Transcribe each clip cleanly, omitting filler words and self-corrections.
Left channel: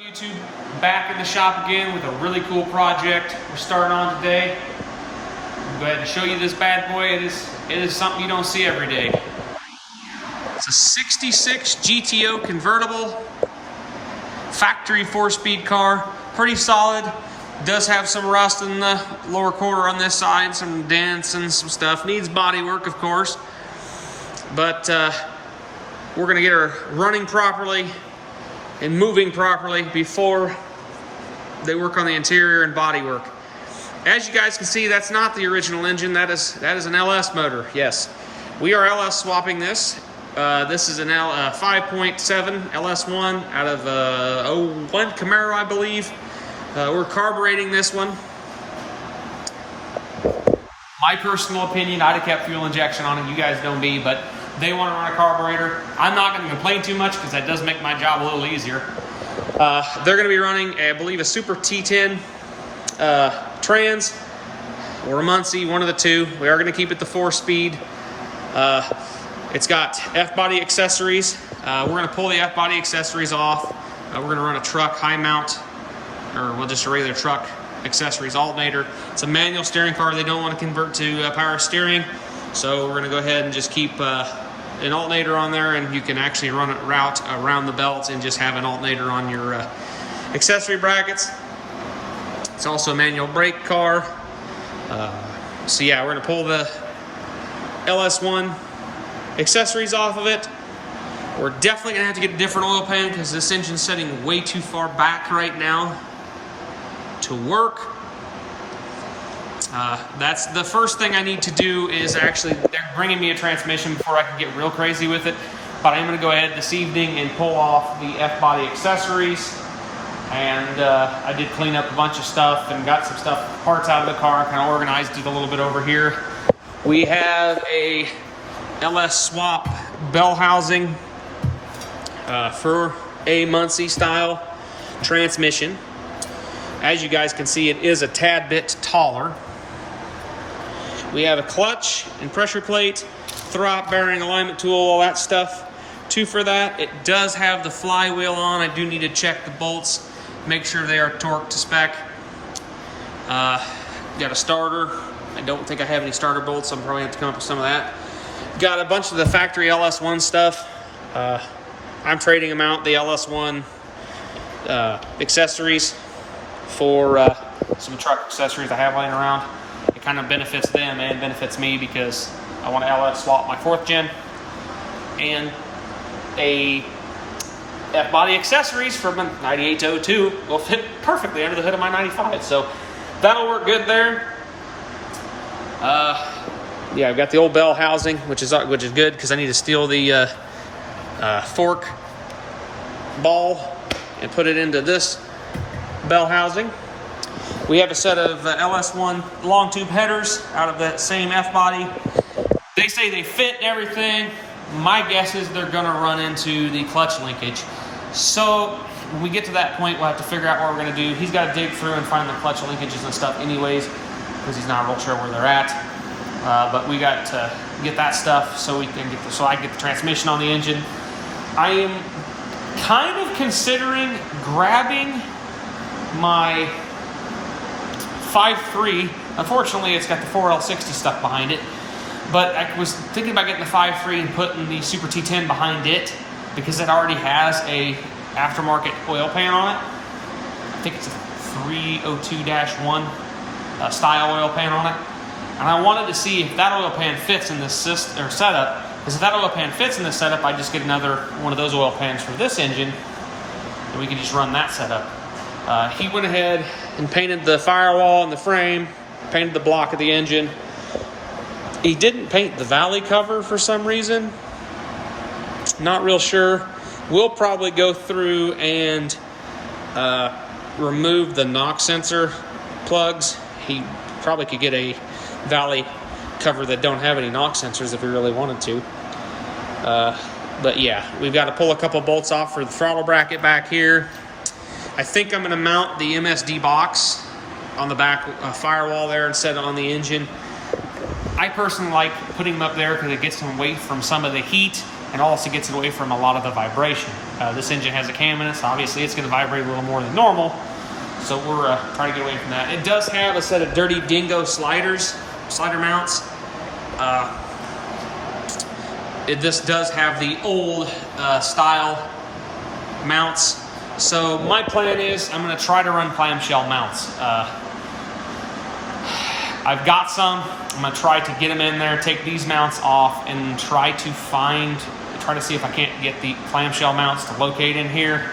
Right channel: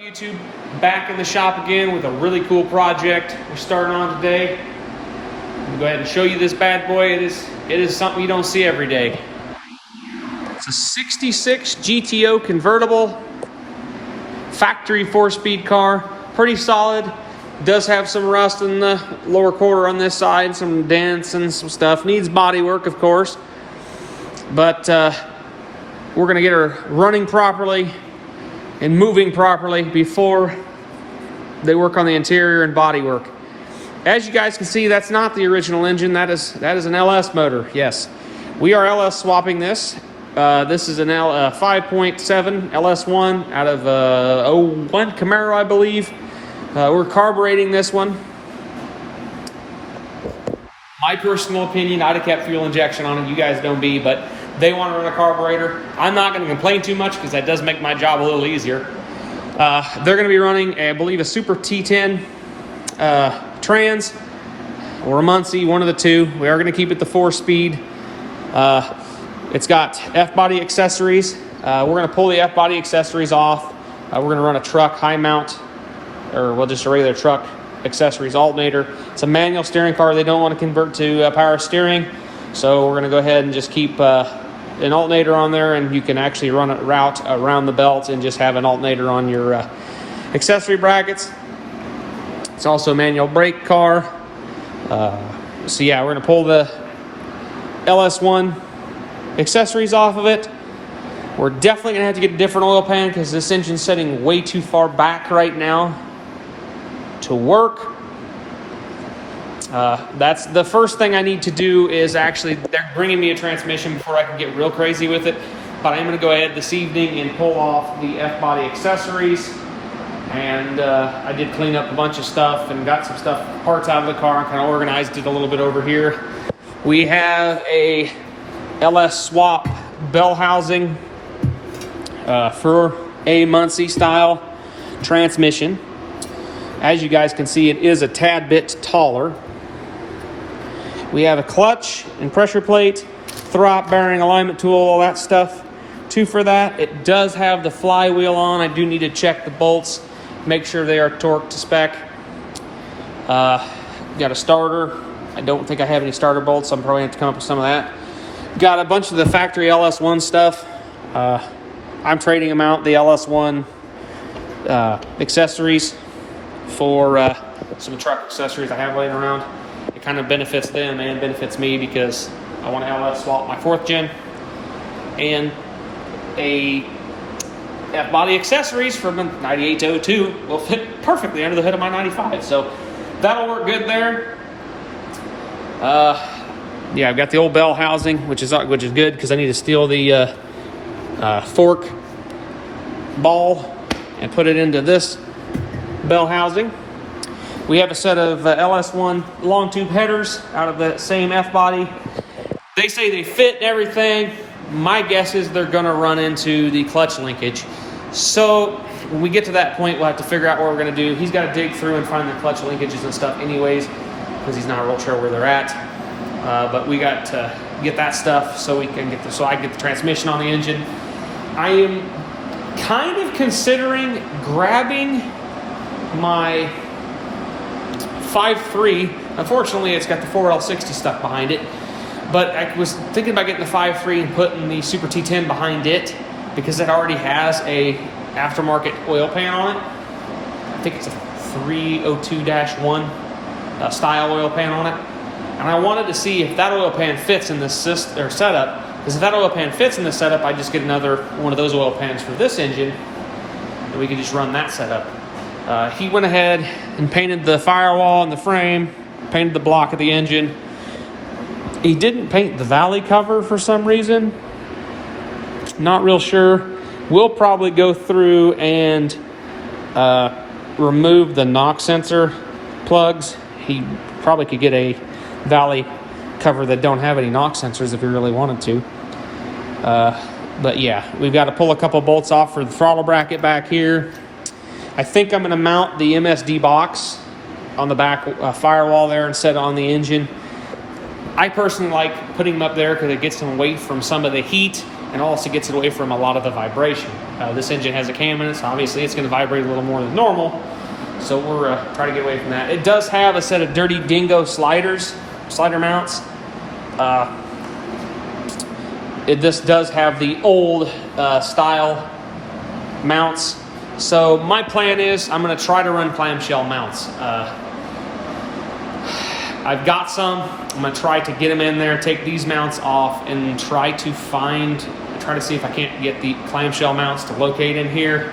YouTube, back in the shop again with a really cool project we're starting on today. I'm gonna go ahead and show you this bad boy. It is something you don't see every day. It's a 66 GTO convertible, factory 4-speed car, pretty solid. Does have some rust in the lower quarter on this side, some dents and some stuff. Needs body work, of course, but we're gonna get her running properly and moving properly before they work on the interior and body work. As you guys can see, that's not the original engine. That is an LS motor. Yes, we are LS swapping this. This is an 5.7 LS1 out of 01 Camaro, I believe. We're carbureting this one. My personal opinion, I'd have kept fuel injection on it. You guys don't be, but they want to run a carburetor. I'm not going to complain too much because that does make my job a little easier. They're going to be running, I believe, a Super T10 trans or a Muncie, one of the two. We are going to keep it the 4-speed. It's got F-body accessories. We're going to pull the F-body accessories off. We're going to run a truck high mount, or well, just a regular truck accessories alternator. It's a manual steering car. They don't want to convert to power steering, so we're going to go ahead and just keep an alternator on there, and you can actually run a route around the belt and just have an alternator on your accessory brackets. It's also a manual brake car. So yeah, we're going to pull the LS1 accessories off of it. We're definitely going to have to get a different oil pan because this engine's setting way too far back right now to work. That's the first thing I need to do. Is actually, they're bringing me a transmission before I can get real crazy with it, but I'm going to go ahead this evening and pull off the F-body accessories. And I did clean up a bunch of stuff and got some parts out of the car and kind of organized it a little bit over here. We have a LS swap bell housing for a Muncie style transmission. As you guys can see, it is a tad bit taller. We have a clutch and pressure plate, throttle bearing alignment tool, all that stuff. Two for that. It does have the flywheel on. I do need to check the bolts, make sure they are torqued to spec. Got a starter. I don't think I have any starter bolts. I'm probably going to come up with some of that. Got a bunch of the factory LS1 stuff. I'm trading them out, the LS1 accessories, for some truck accessories I have laying around. It kind of benefits them and benefits me because I want to LS swap my 4th gen and a F-body accessories from a 98 to 02 will fit perfectly under the hood of my 95. So that'll work good there. Yeah, I've got the old bell housing, which is good because I need to steal the fork ball and put it into this bell housing. We have a set of LS1 long tube headers out of that same F-body. They say they fit and everything. My guess is they're going to run into the clutch linkage. So when we get to that point, we'll have to figure out what we're going to do. He's got to dig through and find the clutch linkages and stuff anyways because he's not real sure where they're at. But we got to get that stuff so we can get so I can get the transmission on the engine. I am kind of considering grabbing my 5.3. Unfortunately, it's got the 4L60 stuff behind it. But I was thinking about getting the 5.3 and putting the Super T10 behind it because it already has a aftermarket oil pan on it. I think it's a 302-1 style oil pan on it. And I wanted to see if that oil pan fits in this setup. Because if that oil pan fits in this setup, I just get another one of those oil pans for this engine, and we can just run that setup. He went ahead and painted the firewall and the frame, painted the block of the engine. He didn't paint the valley cover for some reason. Not real sure. We'll probably go through and remove the knock sensor plugs. He probably could get a valley cover that don't have any knock sensors if we really wanted to. But yeah, we've got to pull a couple bolts off for the throttle bracket back here. I think I'm going to mount the MSD box on the back firewall there instead of on the engine. I personally like putting them up there because it gets some weight from some of the heat and also gets it away from a lot of the vibration. This engine has a cam in it, so obviously it's going to vibrate a little more than normal. So we're trying to get away from that. It does have a set of dirty dingo slider mounts. This does have the old style mounts. So my plan is I'm going to try to run clamshell mounts. I've got some. I'm going to try to get them in there, take these mounts off, and try to see if I can't get the clamshell mounts to locate in here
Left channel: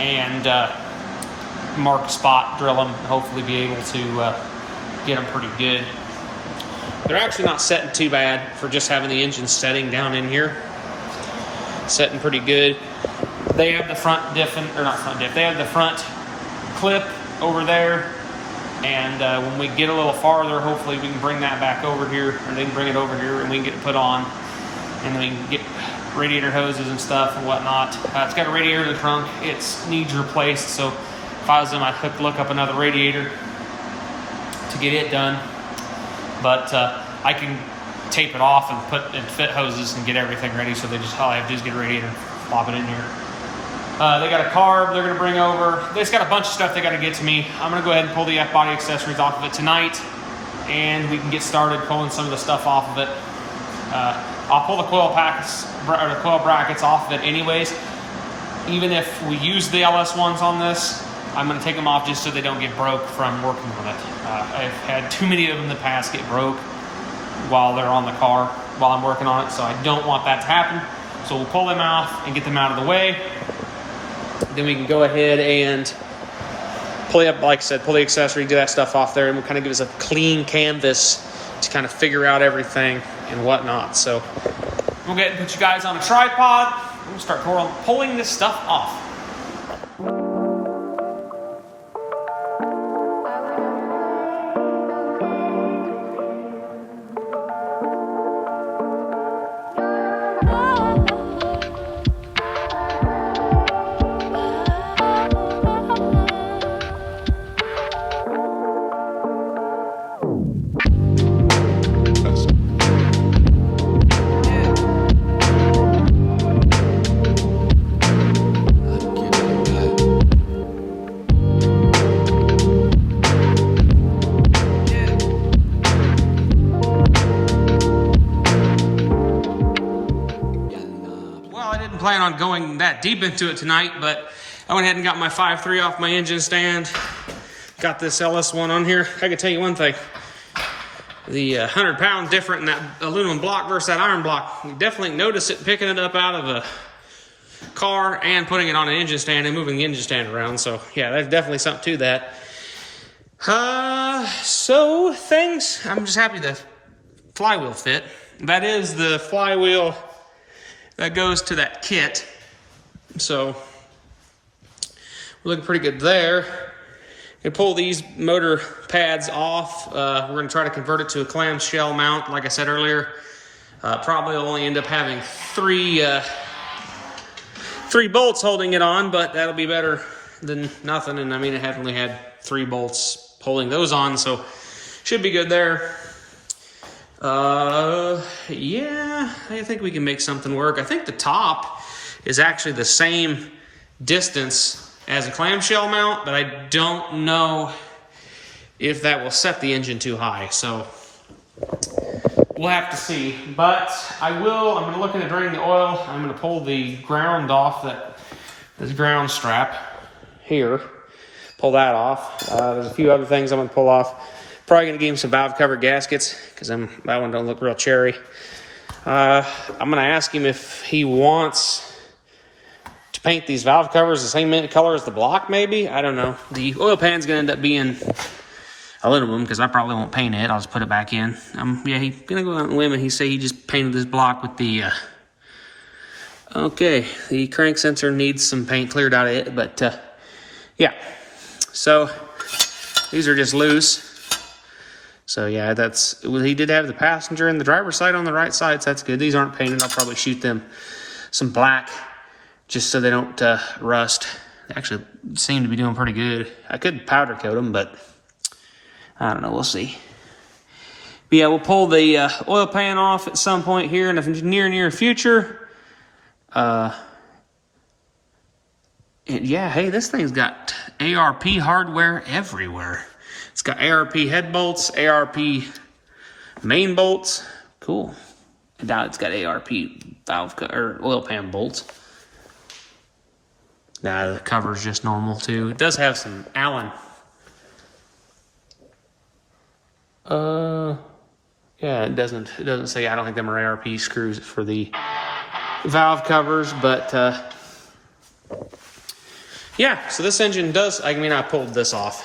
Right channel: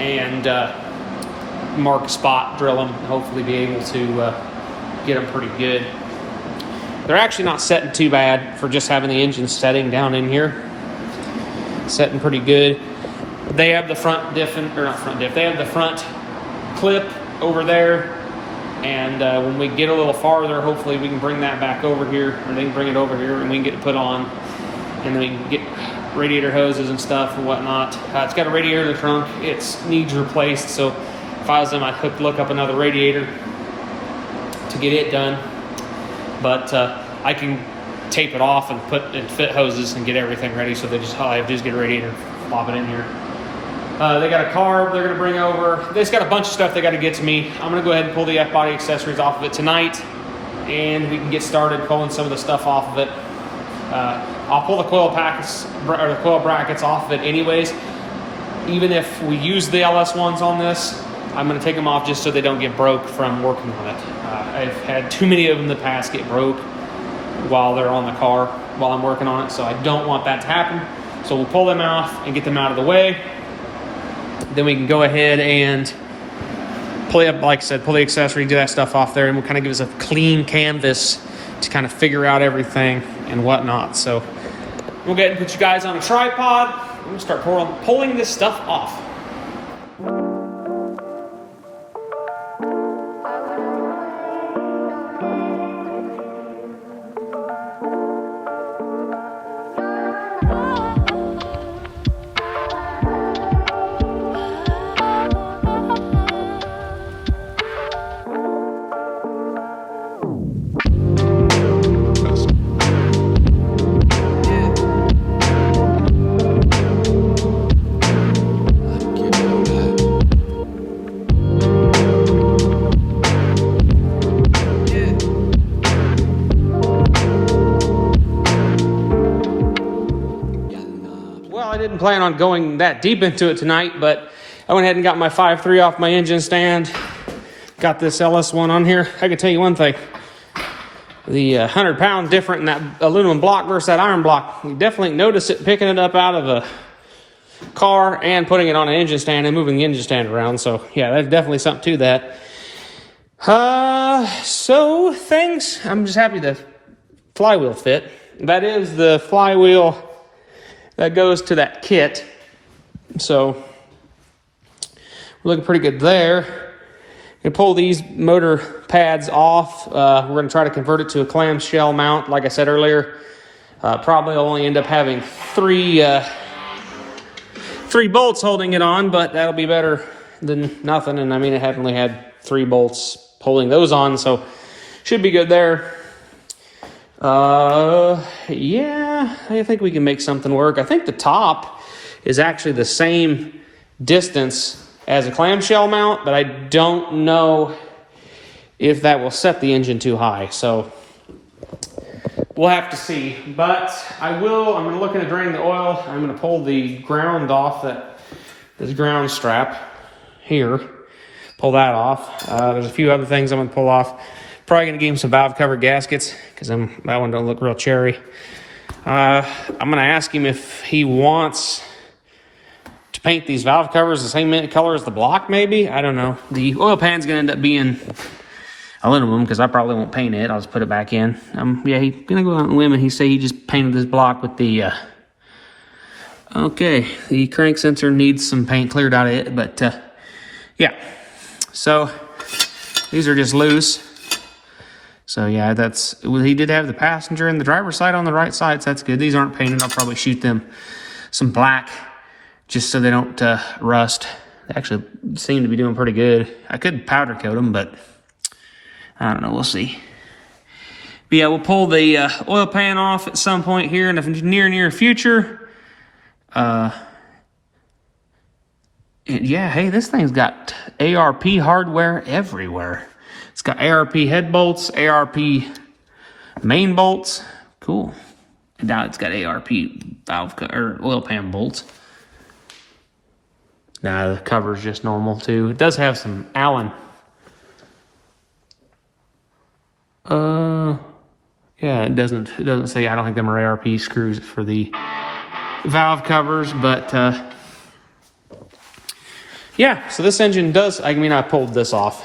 and mark a spot, drill them, and hopefully be able to get them pretty good. They're actually not setting too bad for just having the engine setting down in here. Setting pretty good. They have the front diff, or not front diff, they have the front clip over there. And when we get a little farther, hopefully we can bring that back over here, or they can bring it over here and we can get it put on. And then we can get radiator hoses and stuff and whatnot. It's got a radiator in the trunk. It needs replaced, so if I was them, I'd look up another radiator to get it done. But I can tape it off and fit hoses and get everything ready. So all I have to do is get a radiator, plop it in here. They got a carb they're going to bring over. They just got a bunch of stuff they got to get to me. I'm going to go ahead and pull the F-body accessories off of it tonight, and we can get started pulling some of the stuff off of it. I'll pull the coil brackets off of it anyways. Even if we use the LS ones on this, I'm going to take them off just so they don't get broke from working on it. I've had too many of them in the past get broke while they're on the car, while I'm working on it, so I don't want that to happen. So we'll pull them off and get them out of the way. Then we can go ahead and like I said, pull the accessory, do that stuff off there, and we'll kind of give us a clean canvas to kind of figure out everything and whatnot. So we'll go ahead and put you guys on a tripod. We'll start pulling this stuff off. Plan on going that deep into it tonight, but I went ahead and got my 5.3 off my engine stand. Got this LS one on here. I can tell you one thing. The 100 pounds different in that aluminum block versus that iron block. You definitely notice it picking it up out of the car and putting it on an engine stand and moving the engine stand around. So yeah, there's definitely something to that. So things, I'm just happy the flywheel fit. That is the flywheel that goes to that kit. So looking pretty good there. You pull these motor pads off. We're going to try to convert it to a clamshell mount. Like I said earlier, probably only end up having three bolts holding it on, but that'll be better than nothing. And I mean, I had only had 3 bolts holding those on, so should be good there. Yeah, I think we can make something work. I think the top is actually the same distance as a clamshell mount, but I don't know if that will set the engine too high. So we'll have to see. But I'm going to look into draining the oil. I'm going to pull the ground off this ground strap here. Pull that off. There's a few other things I'm going to pull off. Probably going to give him some valve cover gaskets because that one don't look real cherry. I'm going to ask him if he wants to paint these valve covers the same color as the block, maybe. I don't know. The oil pan's going to end up being aluminum because I probably won't paint it. I'll just put it back in. Yeah, he's going to go out on a whim and he say he just painted this block with the... okay, the crank sensor needs some paint cleared out of it, but yeah. So these are just loose. So yeah, he did have the passenger and the driver's side on the right side, so that's good. These aren't painted. I'll probably shoot them some black just so they don't rust. They actually seem to be doing pretty good. I could powder coat them, but I don't know. We'll see. But yeah, we'll pull the oil pan off at some point here in the near future. Yeah, hey, this thing's got ARP hardware everywhere. It's got ARP head bolts, ARP main bolts. Cool. And now it's got ARP valve or oil pan bolts. Nah, the cover's just normal too. It does have some Allen. Yeah, it doesn't say. I don't think them are ARP screws for the valve covers, but yeah. So this engine does. I mean, I pulled this off,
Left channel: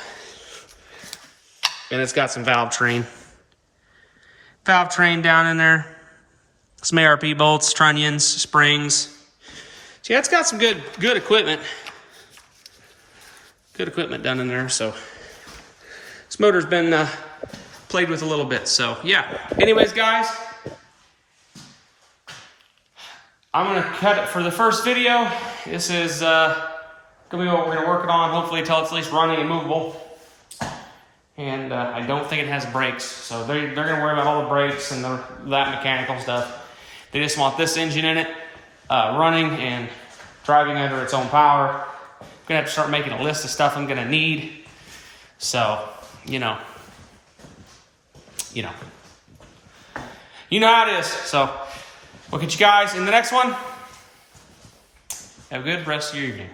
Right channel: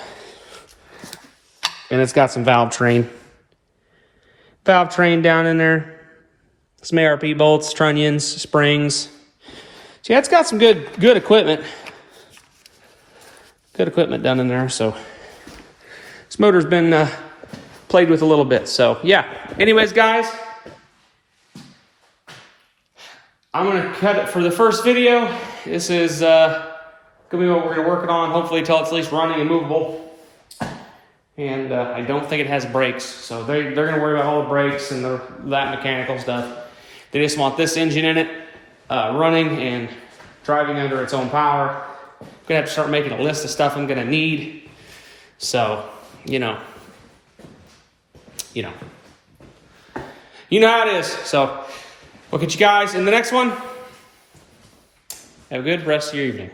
and it's got some valve train down in there. Some ARP bolts, trunnions, springs. So yeah, it's got some good equipment. Good equipment down in there. So this motor's been played with a little bit. So yeah. Anyways, guys, I'm gonna cut it for the first video. This is gonna be what we're gonna work it on. Hopefully, until it's at least running and movable. And I don't think it has brakes, so they're gonna worry about all the brakes and that mechanical stuff. They just want this engine in it, running and driving under its own power. I'm gonna have to start making a list of stuff I'm gonna need. So, you know how it is. So we'll catch you guys in the next one. Have a good rest of your evening.